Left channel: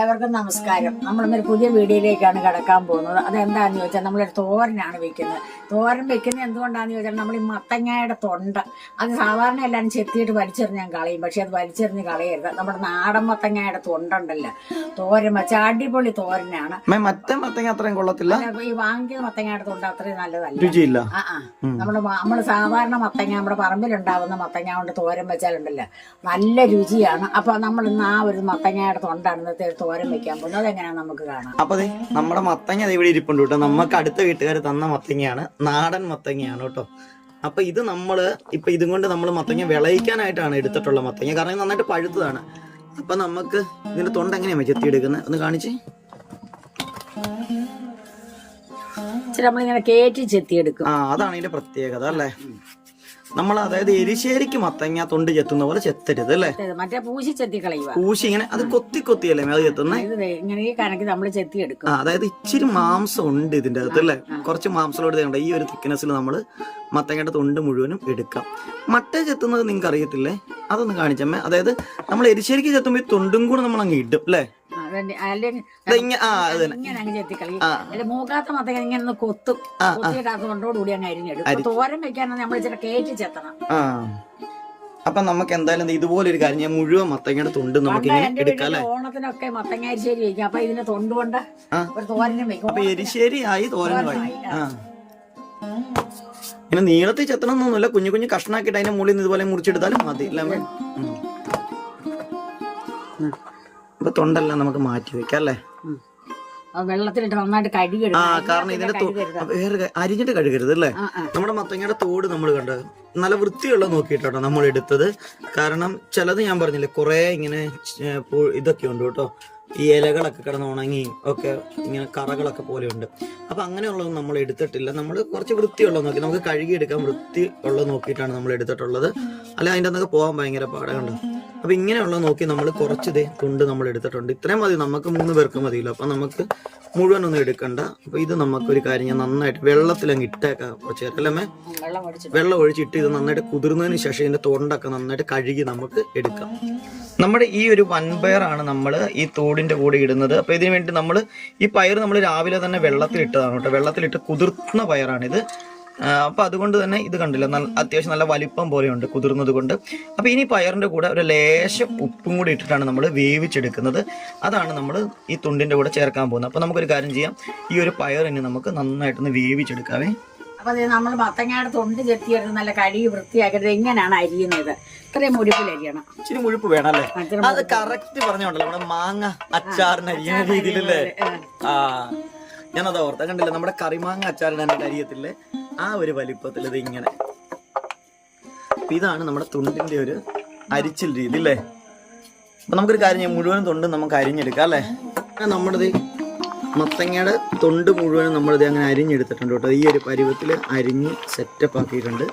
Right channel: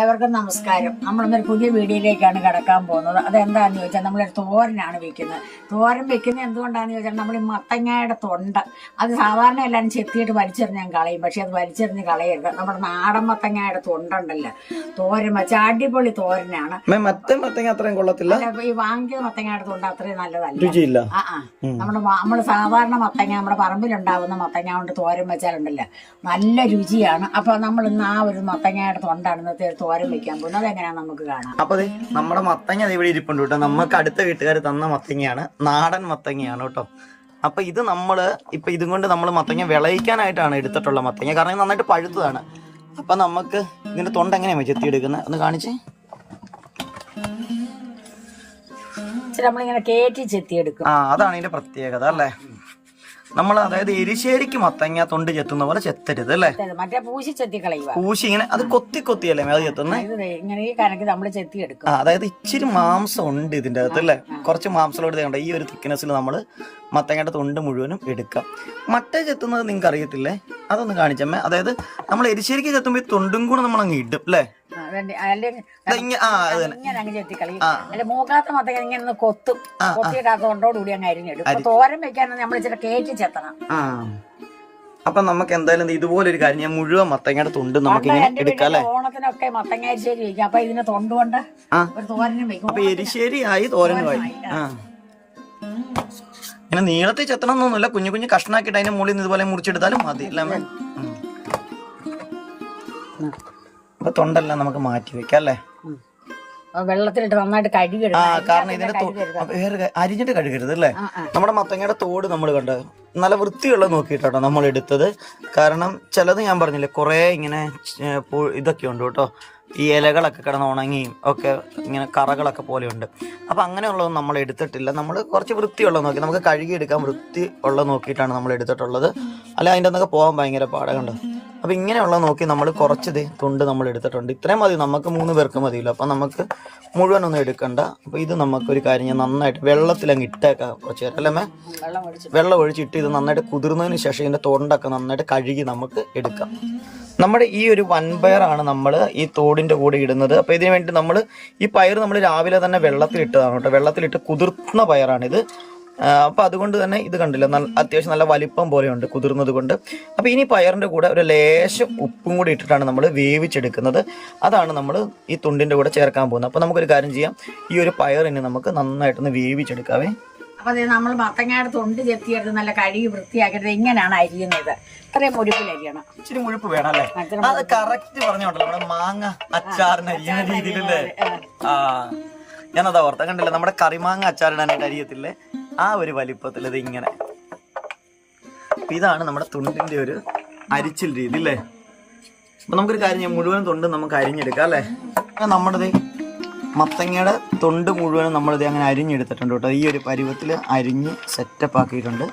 ഏവർക്കും നമസ്കാരം. നമ്മളിന്നൊരു പുതിയ വീഡിയോയിലേക്കാണ് കിടക്കാൻ പോകുന്നത്. അതെന്താണെന്ന് ചോദിച്ചാൽ നമ്മളൊരു തോരനാണ് വെക്കുന്നത്. തോരൻ വെക്കുന്നത് എന്തുകൊണ്ടാണെന്ന് ചോദിച്ചാൽ നമ്മൾ ഈ മത്തങ്ങയുടെ തൊണ്ട അത് സാധാരണ എല്ലാവരും ചെത്തിയിട്ട് വലിച്ചെറിഞ്ഞാൽ കളയും. പക്ഷെ അത് വലിച്ചെറിഞ്ഞ് കളയരുത്. നമ്മുടെ നാടൻ മത്തങ്ങയുടെ തൊണ്ടുണ്ടല്ലോ, തോരൻ വെച്ച അടിപൊളി തോരനാണ്. മറ്റേ മത്തങ്ങ അത്രയും കൊള്ളത്തില്ല, ഈ വാങ്ങിക്കുന്ന മത്തങ്ങയുടെ തൊണ്ട അത്രയും നല്ലതല്ല, രുചിയില്ല. നമ്മള് സാധാരണ മത്തങ്ങ നമ്മുടെ പറമ്പിലുണ്ടാവുന്ന മത്തങ്ങ കൊണ്ട് തോരൻ വെച്ചാലുണ്ടല്ലോ നല്ല രുചിയാണ്. അപ്പൊ നമ്മൾ ഇന്ന് ആ ഒരു മത്തങ്ങയുടെ തൊണ്ടാണ് ഇന്നത്തെ തോരൻ വെക്കാൻ പോകുന്നത്. അതെങ്ങനെയാ നമുക്ക് കാണാം. അപ്പൊ നമ്മുടെ മത്തങ്ങ ഇവിടെ ഇരിപ്പുണ്ട് കേട്ടോ. നമുക്ക് അടുത്ത വീട്ടുകാർ തന്ന മത്തങ്ങയാണ്, നാടൻ മത്തങ്ങയാണ് കേട്ടോ. അപ്പൊ ഇത് നമ്മള് ഇപ്പൊ ഇതും കൊണ്ട് നമ്മൾ മത്തങ്ങ വിളയിക്കാനായിട്ടാണ് എടുത്തിട്ടുള്ള മത്തങ്ങ. കാരണം ഇത് നന്നായിട്ട് പഴുത്തതാണ്. അപ്പൊ നമുക്ക് ഇതിന്റെ തൊണ്ട എങ്ങനെയാ ചെത്തിയെടുക്കുന്നത് ഒന്ന് കാണിച്ചേ. നമ്മളിങ്ങനെ കേറ്റി ചെത്തിയെടുക്കും. അതാണ് ഇതിന്റെ പ്രത്യേകത അല്ലേ. നമ്മൾ അതായത് എരിശ്ശേരിക്ക് മത്തങ്ങ തൊണ്ട് ചെത്തുന്ന പോലെ ചെത്തരുത് അല്ലേ. മറ്റേ പൂശി ചെത്തി കളയുക. പൂശി ഇങ്ങനെ അത് കൊത്തിയല്ലേ അത് ചെത്തുന്നത്. ഇങ്ങനെ ഈ കണക്ക് നമ്മൾ ചെത്തിയെടുക്കും. അതായത് ഇച്ചിരി മാംസം ഉണ്ട് ഇതിന്റെ അകത്ത് അല്ലേ. കുറച്ച് മാംസത്തോട് വേണ്ട ഈ ഒരു തിക്നെസ്സിൽ നമ്മൾ മത്തങ്ങയുടെ തൊണ്ട് മുഴുവനും എടുക്കാം. മറ്റേ ചെത്തുന്നത് നിങ്ങൾക്ക് അറിയത്തില്ലേ, അതൊന്ന് കാണിച്ചമ്മേ. അതായത് നമ്മൾ എരിശ്ശേരിക്ക് ചെത്തുമ്പോൾ ഈ തൊണ്ടും കൂടെ നമ്മൾ അങ്ങ് ഇടും അല്ലേ. മൂക്കാത്ത മത്തങ്ങ ഇങ്ങനെ കൊത്തും, കൊത്തിയിട്ട് ആ തൊണ്ടോടുകൂടി അങ്ങ് അരിഞ്ഞിടും. തോരൻ വെക്കാനാണ് നമ്മൾ ഇച്ചിരി കേറ്റി ചെത്തണം. അപ്പൊ നമുക്ക് എന്തായാലും ഇതുപോലെ ഒരു കാര്യം, ഞാൻ മുഴുവൻ മത്തങ്ങയുടെ തൊണ്ട് നമുക്ക് ഇങ്ങനെ എടുക്കാം അല്ലെ. ഓണത്തിനൊക്കെ മത്തങ്ങ എരിശ്ശേരി വെക്കും. അപ്പൊ ഇതിനെ തൊണ്ട് കൊണ്ട് ഒരു തോരനും വെക്കും. അപ്പൊ എരിശ്ശേരി ആയി, തോരനുമായി. ഇങ്ങനെ നീളത്തിൽ ചെത്തണം എന്നൊന്നുമില്ല, കുഞ്ഞു കുഞ്ഞു കഷ്ണാക്കിയിട്ട് അതിന്റെ മുകളിൽ നിന്ന് ഇതുപോലെ മുറിച്ചെടുത്താലും മതി അല്ലേ. അപ്പൊ തൊണ്ടെല്ലാം നമുക്ക് മാറ്റി വെക്കാം അല്ലേ. വെള്ളത്തിലിട്ട് നന്നായിട്ട് കഴുകരുത്. കാരണം ഇതിന്റെ വേറെ അരിഞ്ഞിട്ട് കഴുകരുത് അല്ലേ. നമ്മുടെ മത്തങ്ങയുടെ തോട് നമ്മൾ കണ്ടത് നല്ല വൃത്തിയുള്ള നോക്കിയിട്ടോ നമ്മൾ എടുത്തത്. കാരണം ചിലത് ഞാൻ പറഞ്ഞില്ലേ കുറെ ഇങ്ങനെ ഇതൊക്കെ ഉണ്ട് കേട്ടോ, ഈ ഇലകളൊക്കെ കിടന്ന് ഉണങ്ങിയും ഒക്കെ ഇങ്ങനെ കറകളൊക്കെ പോലെയുണ്ട്. അപ്പം അങ്ങനെയുള്ളതൊന്നും നമ്മൾ എടുത്തിട്ടില്ല. നമ്മൾ കുറച്ച് വൃത്തിയുള്ളത് നോക്കി, നമുക്ക് കഴുകിയെടുക്കാൻ വൃത്തി ഉള്ളത് നോക്കിയിട്ടാണ് നമ്മൾ എടുത്തിട്ടുള്ളത്. അല്ല അതിൻ്റെ അന്നൊക്കെ പോകാൻ ഭയങ്കര പാടകണ്ട്. അപ്പം ഇങ്ങനെയുള്ളത് നോക്കി നമ്മൾ കുറച്ച് തൊണ്ട് നമ്മൾ എടുത്തിട്ടുണ്ട്. ഇത്രയും മതി, നമുക്ക് 3 പേർക്ക് മതിയല്ലോ. അപ്പം നമുക്ക് മുഴുവനൊന്നും എടുക്കണ്ട. അപ്പോൾ ഇത് നമുക്കൊരു കാര്യം, ഞാൻ നന്നായിട്ട് വെള്ളത്തിലങ്ങ് ഇട്ടേക്കാം കുറച്ച് നേരം അല്ലേ. വെള്ളം ഒഴിച്ചിട്ട് ഇത് നന്നായിട്ട് കുതിർന്നതിന് ശേഷം ഇതിൻ്റെ തൊണ്ടൊക്കെ നന്നായിട്ട് കഴുകി നമുക്ക് എടുക്കാം. നമ്മുടെ ഈ ഒരു വൻപയറാണ് നമ്മൾ ഈ തോടിന്റെ കൂടെ ഇടുന്നത്. അപ്പൊ ഇതിനു വേണ്ടി നമ്മൾ ഈ പയർ നമ്മൾ രാവിലെ തന്നെ വെള്ളത്തിലിട്ടതാണ് കേട്ടോ. വെള്ളത്തിലിട്ട് കുതിർന്ന പയറാണിത്. അപ്പൊ അതുകൊണ്ട് തന്നെ ഇത് കണ്ടില്ല, അത്യാവശ്യം നല്ല വലിപ്പം പോലെയുണ്ട് കുതിർന്നത് കൊണ്ട്. അപ്പൊ ഇനി പയറിന്റെ കൂടെ ഒരു ലേശം ഉപ്പും കൂടി ഇട്ടിട്ടാണ് നമ്മൾ വേവിച്ചെടുക്കുന്നത്. അതാണ് നമ്മൾ ഈ തുണ്ടിന്റെ കൂടെ ചേർക്കാൻ പോകുന്നത്. അപ്പൊ നമുക്കൊരു കാര്യം ചെയ്യാം, ഈ ഒരു പയറിനെ നമുക്ക് നന്നായിട്ടൊന്ന് വേവിച്ചെടുക്കാവേ. അപ്പൊ നമ്മൾ മത്തങ്ങയുടെ തൊണ്ട് ചെത്തിയെടുത്ത് നല്ല കഴുകി വൃത്തിയാക്കിയത് ഇങ്ങനെയാണ് അരിയുന്നത്. ഇത്രയും മുഴുപ്പിൽ അരിയണം. ഇച്ചിരി മുഴുപ്പ് വേണം അല്ലേ. അത് കറക്റ്റ് പറഞ്ഞോണ്ടല്ലോ, നമ്മുടെ മാങ്ങ അച്ചാറിന് അരിയുന്ന രീതിയിലല്ലേ. ഞാനതാ ഓർത്ത കണ്ടില്ല, നമ്മുടെ കറിമാങ്ങ അച്ചാറിടാനായിട്ട് അരിയത്തില്ലേ, ആ ഒരു വലിപ്പത്തിൽ ഇത് ഇങ്ങനെ. ഇതാണ് നമ്മുടെ തുണ്ടിന്റെ ഒരു അരിച്ചിൽ രീതി അല്ലേ. അപ്പൊ നമുക്കൊരു കാര്യം, മുഴുവൻ തൊണ്ട് നമുക്ക് അരിഞ്ഞെടുക്കാം അല്ലേ. നമ്മുടെ മത്തങ്ങയുടെ തൊണ്ട് മുഴുവനും നമ്മളിത് അങ്ങനെ അരിഞ്ഞെടുത്തിട്ടുണ്ട് കേട്ടോ. ഈ ഒരു പരുവത്തിൽ അരിഞ്ഞ് സെറ്റപ്പ് ആക്കിയിട്ടുണ്ട്.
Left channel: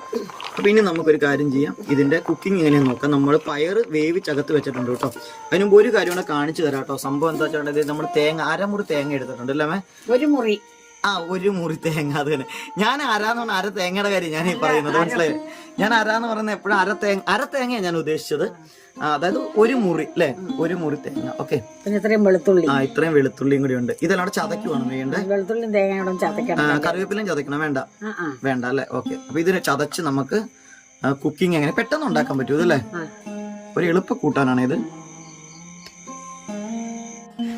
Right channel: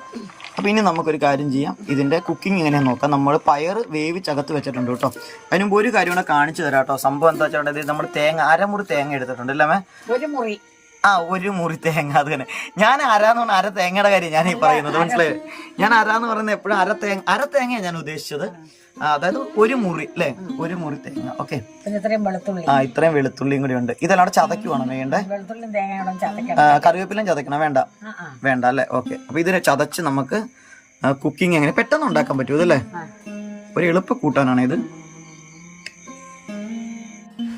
അപ്പോൾ ഇനി നമുക്കൊരു കാര്യം ചെയ്യാം, ഇതിൻ്റെ കുക്കിംഗ് എങ്ങനെയാണെന്ന് നോക്കാം. നമ്മൾ പയർ വേവിച്ചകത്ത് വെച്ചിട്ടുണ്ട് കേട്ടോ. അതിന് മുമ്പ് ഒരു കാര്യം കൂടെ കാണിച്ചു തരാം കേട്ടോ. സംഭവം എന്താ വെച്ചാൽ നമ്മൾ തേങ്ങ അരമുറി തേങ്ങ എടുത്തിട്ടുണ്ട് അല്ലേ. ഒരു മുറി തേങ്ങ. അത് തന്നെ ഞാൻ അരാന്ന് പറഞ്ഞാൽ തേങ്ങയുടെ കാര്യം ഞാൻ ഈ പറയുന്നത്, മനസ്സിലായി. ഞാൻ അരാന്ന് പറയുന്നത് എപ്പോഴും അര തേങ്ങയാണ് ഞാൻ ഉദ്ദേശിച്ചത്. അതായത് ഒരു മുറി അല്ലേ, ഒരു മുറി തേങ്ങ. ഓക്കെ, ഇത്രയും വെളുത്തുള്ളിയും കൂടി ഉണ്ട്. ഇതെല്ലാം ചതക്കുവാണ് വേണ്ടേ. കറിവേപ്പിലും ചതക്കണം വേണ്ട അല്ലേ. ഓക്കെ, അപ്പൊ ഇതിനെ ചതച്ച് നമുക്ക് കുക്കിംഗ് എങ്ങനെ പെട്ടെന്ന് ഉണ്ടാക്കാൻ പറ്റും ഇതല്ലേ. ഒരു എളുപ്പ കൂട്ടാനാണ് ഇത്.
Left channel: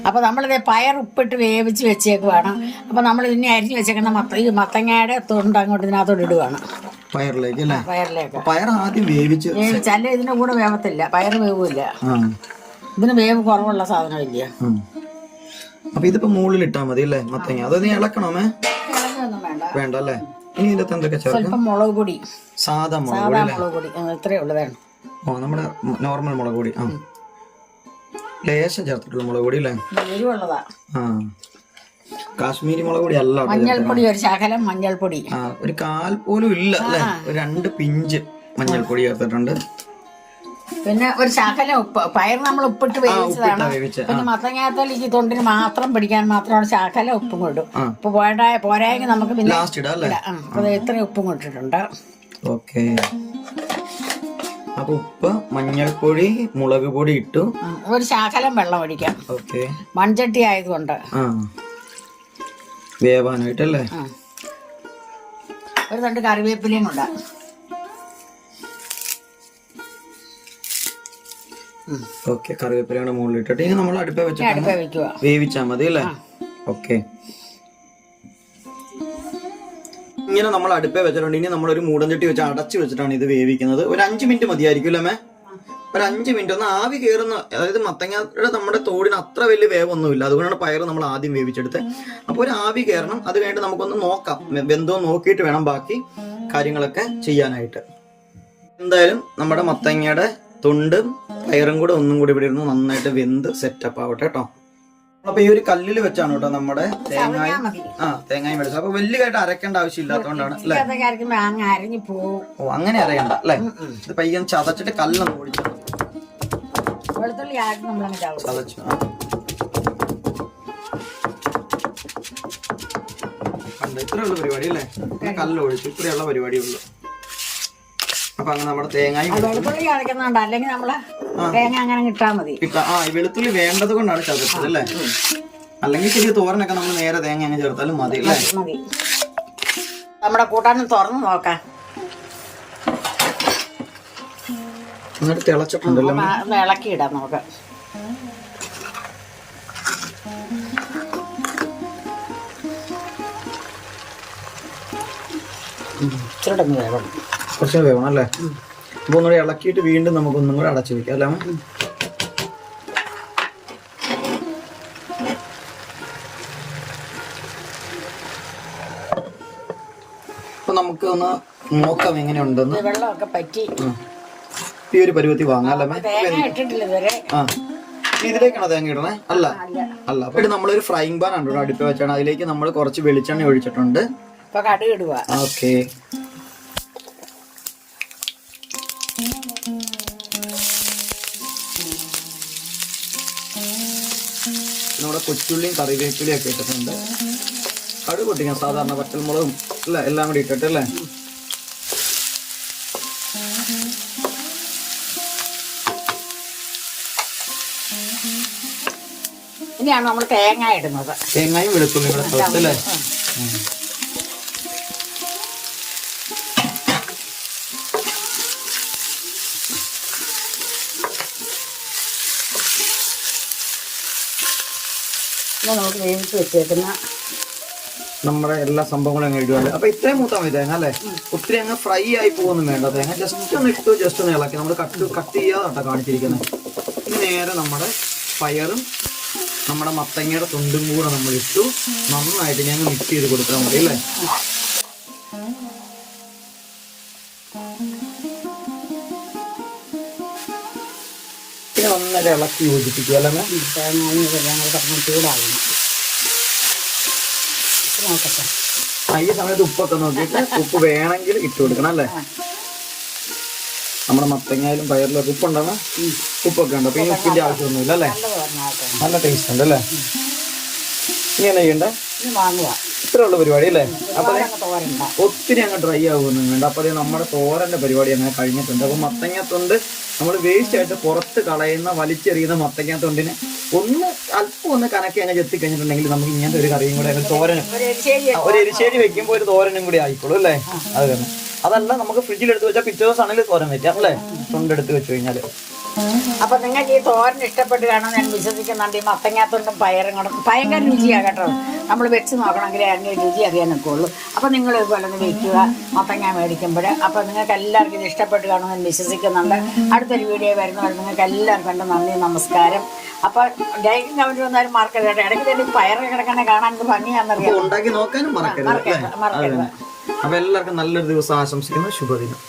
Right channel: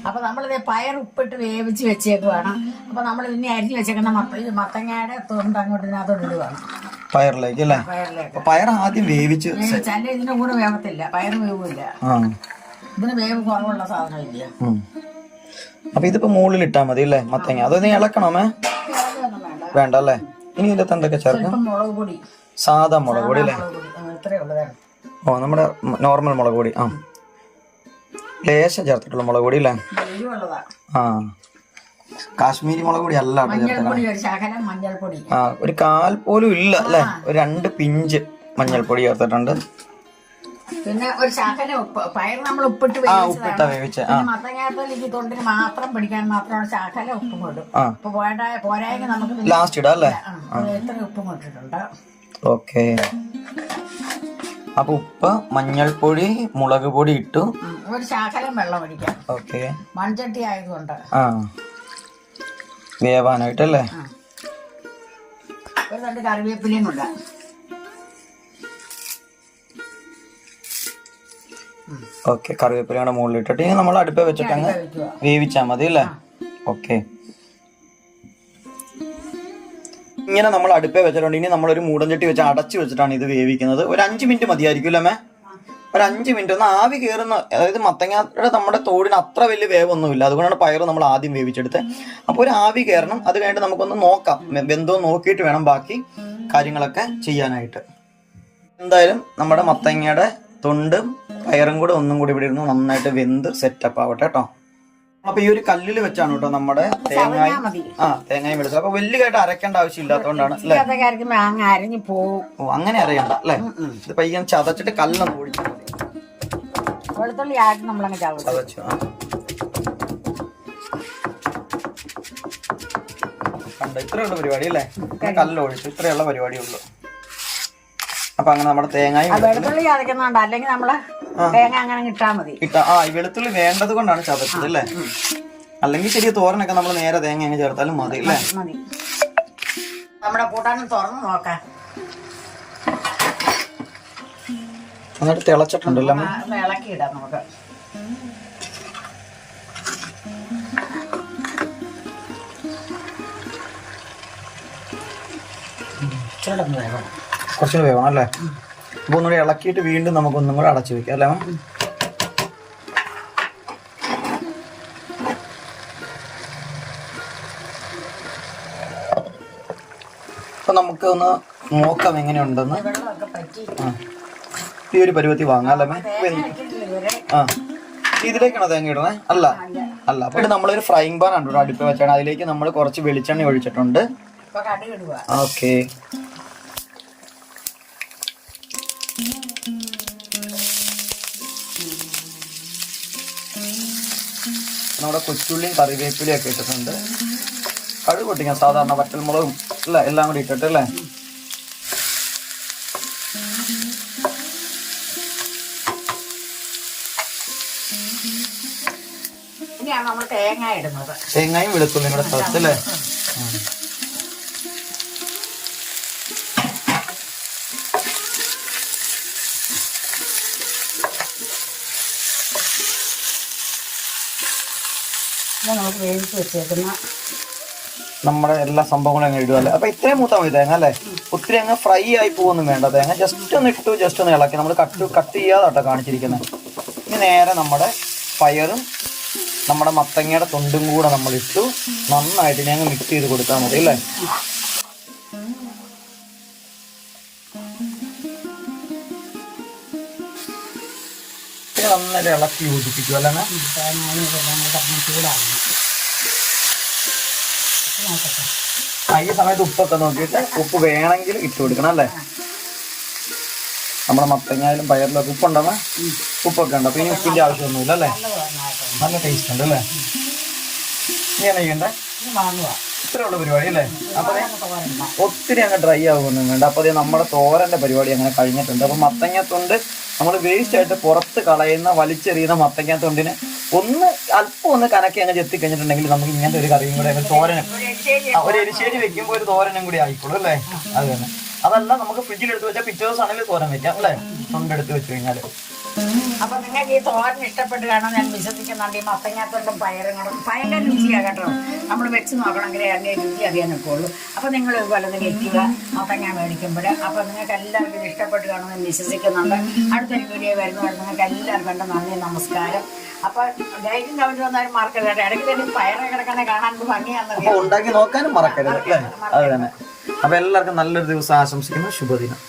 അപ്പൊ നമ്മളിത് പയർ ഉപ്പിട്ട് വേവിച്ച് വെച്ചേക്കുവാണ്. അപ്പൊ നമ്മൾ ഇതിനെ അരിഞ്ഞ് വെച്ചേക്കുന്ന ഈ മത്തങ്ങയുടെ തൊണ്ട് അങ്ങോട്ട് ഇതിനകത്തോട്ട് ഇടുവാണ്, പയറിലേക്ക് അല്ലേ. പയർ ആദ്യം വേവിച്ചല്ല, ഇതിന്റെ കൂടെ വേവത്തില്ല, പയർ വേവില്ല. ഇതിന് വേവ് കുറവുള്ള സാധനമില്ല. അപ്പൊ ഇതിപ്പോ മുകളിൽ ഇട്ടാ മതി അല്ലേ മത്തങ്ങ. അത് നീ ഇളക്കണമേ വേണ്ട അല്ലേ. ഇനി ഇതിന്റെ എന്തൊക്കെ ചേർക്കാം? മുളക് പൊടി, സാധാ മുളക് പൊടി അല്ലേ. ഇത്രയേ ഉള്ളതാണ്. നമ്മുടെ നോർമൽ മുളക് പൊടി. ലേശം ചേർത്തിട്ടുള്ള മുളക് പൊടി അല്ലേ. കാശ്മീരി മുളക് പൊടി അല്ല, മഞ്ഞൾപ്പൊടി ഒരു 1/4 പോലും ഇല്ല അല്ലെ. ഒരു 2 പിഞ്ച് മഞ്ഞൾപ്പൊടി ചേർത്തിട്ടുണ്ട്. പിന്നെ ഒരു ശകലം ഉപ്പ്. പയർ നമ്മൾ ഉപ്പിട്ട് വേവിച്ച മത്തങ്ങാത്തോലേക്ക് തൊണ്ടിന് മാത്രം പിടിക്കാൻ മാത്രം ശകലം ഉപ്പും കൊണ്ടും. ഉപ്പ് പോരായെങ്കിൽ നമുക്ക് ലാസ്റ്റ് ഇടാം അല്ലേ. ഇത്രയും ഉപ്പും കൊണ്ടിട്ടുണ്ട്. ഓക്കെ, അപ്പൊ ഉപ്പ്, മഞ്ഞൾപ്പൊടി, മുളക് പൊടി ഇട്ടു. ഒരു ശകലം വെള്ളം ഒഴിക്കാം. ഓക്കെ. മൺചട്ടി ആയതുകൊണ്ട് വേവാനായിട്ടല്ലേ. ഒരു തണ്ട് കറിവേപ്പിലയും ഉണ്ട്. ഓക്കെ. കറിവേപ്പിലയുടെ മുകളിൽ ഇട്ടിട്ട് ഇനി നമ്മൾ അടുപ്പ വെച്ചിട്ട് വേവിച്ചാൽ മതി അല്ലേ. ഓക്കെ. ഇങ്ങനെ നമ്മൾ അടുപ്പേ വെച്ചിട്ടുണ്ട്. ഇനി നമ്മളൊരു മൂടൻ ചട്ടി വെച്ച് അടച്ചു വെച്ചിട്ടാണ് ഇത് വേവിക്കുന്നത്. ഒരു 5 മിനിറ്റ് മതിയായിരിക്കും അല്ലേ? ഒരു 5 മിനിറ്റ് ഒന്ന് ആവി കയറുന്ന, അതായത് മത്തങ്ങയുടെ നമ്മുടെ തോടിന് അത്ര വലിയ വേവൊന്നുമില്ല, അതുകൊണ്ടാണ് പയർ നമ്മൾ ആദ്യം വേവിച്ചെടുത്തത്. അപ്പോൾ ഒരു ആവി കയറണം. അത് കഴിഞ്ഞിട്ട് നമുക്കൊന്ന് നോക്കാം, വെന്തോ നോക്കിയിട്ട് വേണം ബാക്കി കാര്യങ്ങളൊക്കെ ചെയ്യാനായിട്ട്. എന്തായാലും നമ്മുടെ മത്തങ്ങയുടെ തൊണ്ടും പയറും കൂടെ ഒന്നും കൂടി ഇവിടെ ഇരുന്ന് നന്നായിട്ട് വെന്ത് സെറ്റപ്പ് ആവട്ടെ കേട്ടോ. അപ്പൊ ഈ ഒരു കല്ലിൽ വെച്ചാണ് കേട്ടോ നമ്മുടെ തേങ്ങയും എടുത്തത്. അപ്പൊ വലിയതായിട്ട് അരക്കേണ്ട ആവശ്യം ഇല്ലാത്തതുകൊണ്ടാണ് അല്ലേ. ഓ, അങ്ങനെ അറിയണ്ട അല്ലേ. ഇത് പയ്യൻ ചതച്ചിട്ട് കല്ലൊന്ന് ഓടിച്ചാൽ മതി. ചതച്ചു. കണ്ട, ഇത്രയുള്ള പരിപാടി അല്ലേ. കല്ലൊഴിച്ചു, ഇത്രയുള്ള പരിപാടിയുള്ളൂ. അപ്പൊ അങ്ങനെ നമ്മുടെ തേങ്ങയും അല്ലെങ്കിൽ നമ്മള് തേങ്ങ അങ്ങനെ കിട്ടാ മതി. ഈ വെളുത്തുള്ളി വേണ്ടത് കൊണ്ടാണ് ചതച്ചത് അല്ലേ. അല്ലെങ്കിൽ ശരി തോരനൊക്കെ നമ്മൾ നേരെ തേങ്ങ അങ്ങ് ചേർത്താലും മതി അല്ലേ. നമ്മുടെ കൂട്ടാനും തുറന്ന് നോക്കാം. എന്നിട്ട് തിളച്ചിട്ടുണ്ടല്ലോ, ഇളക്കിയിടാം നമുക്ക്. കുറച്ചുകൂടി വേണം അല്ലേ. അപ്പൊ ഒന്നുകൂടി ഇളക്കിയിട്ട് വീണ്ടും നമുക്ക് ഒന്നും കൂടെ അടച്ചു വെക്കാം അല്ലേ. അപ്പൊ നമുക്ക് ഒന്ന് നോക്കാം എങ്ങനെയുണ്ടെന്ന്. ഈ ഒരു പരുവത്തി വാങ്ങാം അല്ലേ. ഇതിലേക്കാണോ തേങ്ങ ഇടണേ? അല്ല അല്ല. അപ്പൊ നമ്മളൊരു ഫ്രൈങ് പാൻ ആണ് അടുപ്പ് വെച്ചാണ്. അതിലേക്ക് നമ്മൾ കുറച്ച് വെളിച്ചെണ്ണ ഒഴിച്ചിട്ടുണ്ട്. ഓക്കെ. നമ്മുടെ കൊച്ചുള്ളിയും കറിവേപ്പിലയും ഒക്കെ ഇട്ടിട്ടുണ്ട്. കടുക് പൊട്ടിക്കാൻ സാധാരണ വറ്റൽമുളകും അല്ല എല്ലാം കൂടി ഇട്ടിട്ട് അല്ലേ. ഇനിയാണ് നമ്മൾ തേങ്ങ ഇടുന്നത്. തേങ്ങയും വെളുത്തുള്ളിയും കൂടെ ചേർത്തല്ലേ. നമുക്ക് വേവിച്ച് വെച്ചേക്കുന്ന നമ്മുടെ എല്ലാ സംഭവങ്ങളും അങ്ങ് ഇടുവല്ലേ. അപ്പൊ ഇത്രയും മൂത്താൽ മതി തേങ്ങ അല്ലേ. ഒത്തിരി അങ്ങ് ഫ്രൈ ആയി പോകുന്നു വേണ്ട. തേങ്ങ ജസ്റ്റ് ഒന്ന് ഇട്ടു, ജസ്റ്റ് ഒന്ന് ഇളക്കി. നമ്മൾ കട്ട് ചെയ്യാതാട്ടോ കാണിച്ചിരിക്കുന്നത്. ഇനി നേരെ നമ്മുടെ പയറും നമ്മുടെ മത്തങ്ങയുടെ തൊണ്ടും കൂടെ നമ്മൾ ഇട്ടു നന്നായിട്ട് ഞങ്ങൾ മിക്സ് ചെയ്ത് കൊടുത്താൽ മതി അല്ലേ. പിന്നെ നന്നായിട്ട് ഇളക്കി യോജിപ്പിക്കും അല്ലേ. ഈ സമയത്ത് ഉപ്പൊക്കെ നോക്കിയിട്ട് ഉപ്പ് വേണമെങ്കിൽ ഇട്ട് കൊടുക്കണം അല്ലേ. നമ്മുടെ മത്തങ്ങായാലും പയറിലൊക്കെ ഉപ്പുണ്ടാകും, ഉപ്പൊക്കെ ഉണ്ട്. അപ്പൊ ഇനി ഉപ്പിന്റെ ആവശ്യമൊന്നുമില്ല അല്ലേ. നല്ല ടേസ്റ്റ് ഉണ്ട് അല്ലേ. ഇങ്ങനെ ചെയ്യണ്ടേ, ഇത്രയുള്ള പരിപാടി അല്ലേ. അപ്പൊ ഒത്തിരി അങ്ങ് ഡ്രൈ ആവുമൊന്നും വേണ്ട. അപ്പൊ നമ്മുടെ തോരന്റെ പരിപാടി അങ്ങനെ കഴിഞ്ഞിട്ടുണ്ട്. അപ്പൊ മത്തങ്ങാത്തൊണ്ട് നമ്മൾ വേസ്റ്റ് ആയിട്ട് പുറത്ത് കളയുന്ന വലിച്ചെറിയുന്ന മത്തങ്ങാത്തൊണ്ടിന് ഒന്ന് അല്പം ഒന്ന് കനക്കി അങ്ങ് ചെത്തി കഴിഞ്ഞിട്ടുണ്ടെങ്കിൽ നമുക്ക് ഇങ്ങനത്തെ ഒരു കറിയും കൂടെ തോരനും ഒരു എരിശ്ശേരി വെക്കുമ്പോൾ ഒരു തോരനും കൂടി ആയിക്കോളൂ അല്ലേ. അത് തന്നെ. അതല്ല നമുക്ക് ഫ്രിഡ്ജിൽ എടുത്ത് വെച്ചാൽ പിറ്റേ ദിവസം ആണെങ്കിൽ തോരൻ വെക്കാം അല്ലേ. തൊണ്ടെടുത്ത് വെച്ച് കഴിഞ്ഞാല്. അപ്പൊ നിങ്ങൾക്ക് ഈ തോരൻ ഇഷ്ടപ്പെടുകയാണോ ഞാൻ വിശ്വസിക്കുന്നുണ്ട്. ഈ മത്തങ്ങാത്തൊണ്ടും പയറും കൂടെ ഭയങ്കര രുചിയാകട്ടോ. നമ്മൾ വെച്ച് നോക്കണമെങ്കിൽ അതിൻ്റെ രുചി അറിയാൻ നിൽക്കുള്ളൂ. അപ്പൊ നിങ്ങൾ ഇതുപോലെ വെക്കുക മത്തങ്ങ മേടിക്കുമ്പോൾ. അപ്പൊ നിങ്ങൾക്ക് എല്ലാവർക്കും ഇത് ഇഷ്ടപ്പെടുകയാണോ ഞാൻ വിശ്വസിക്കുന്നുണ്ട്. അടുത്തൊരു വീഡിയോ വരുന്നവരെ നിങ്ങൾക്ക് എല്ലാവർക്കും കണ്ട് നന്ദി, നമസ്കാരം. അപ്പൊ ലൈക്കും കമന്റ് വന്നാലും മറക്കരുത്. ഇടയ്ക്ക് പയറ് കിടക്കണേ കാണാൻ ഭംഗിയാണെന്നറിയാം. ഉണ്ടാക്കി നോക്കാനും മറക്കരുത് അല്ലേ. അത് തന്നെ. അപ്പൊ എല്ലാവർക്കും നല്ലൊരു ദിവസം ആശംസിക്കുന്നു. ശുഭദിനം.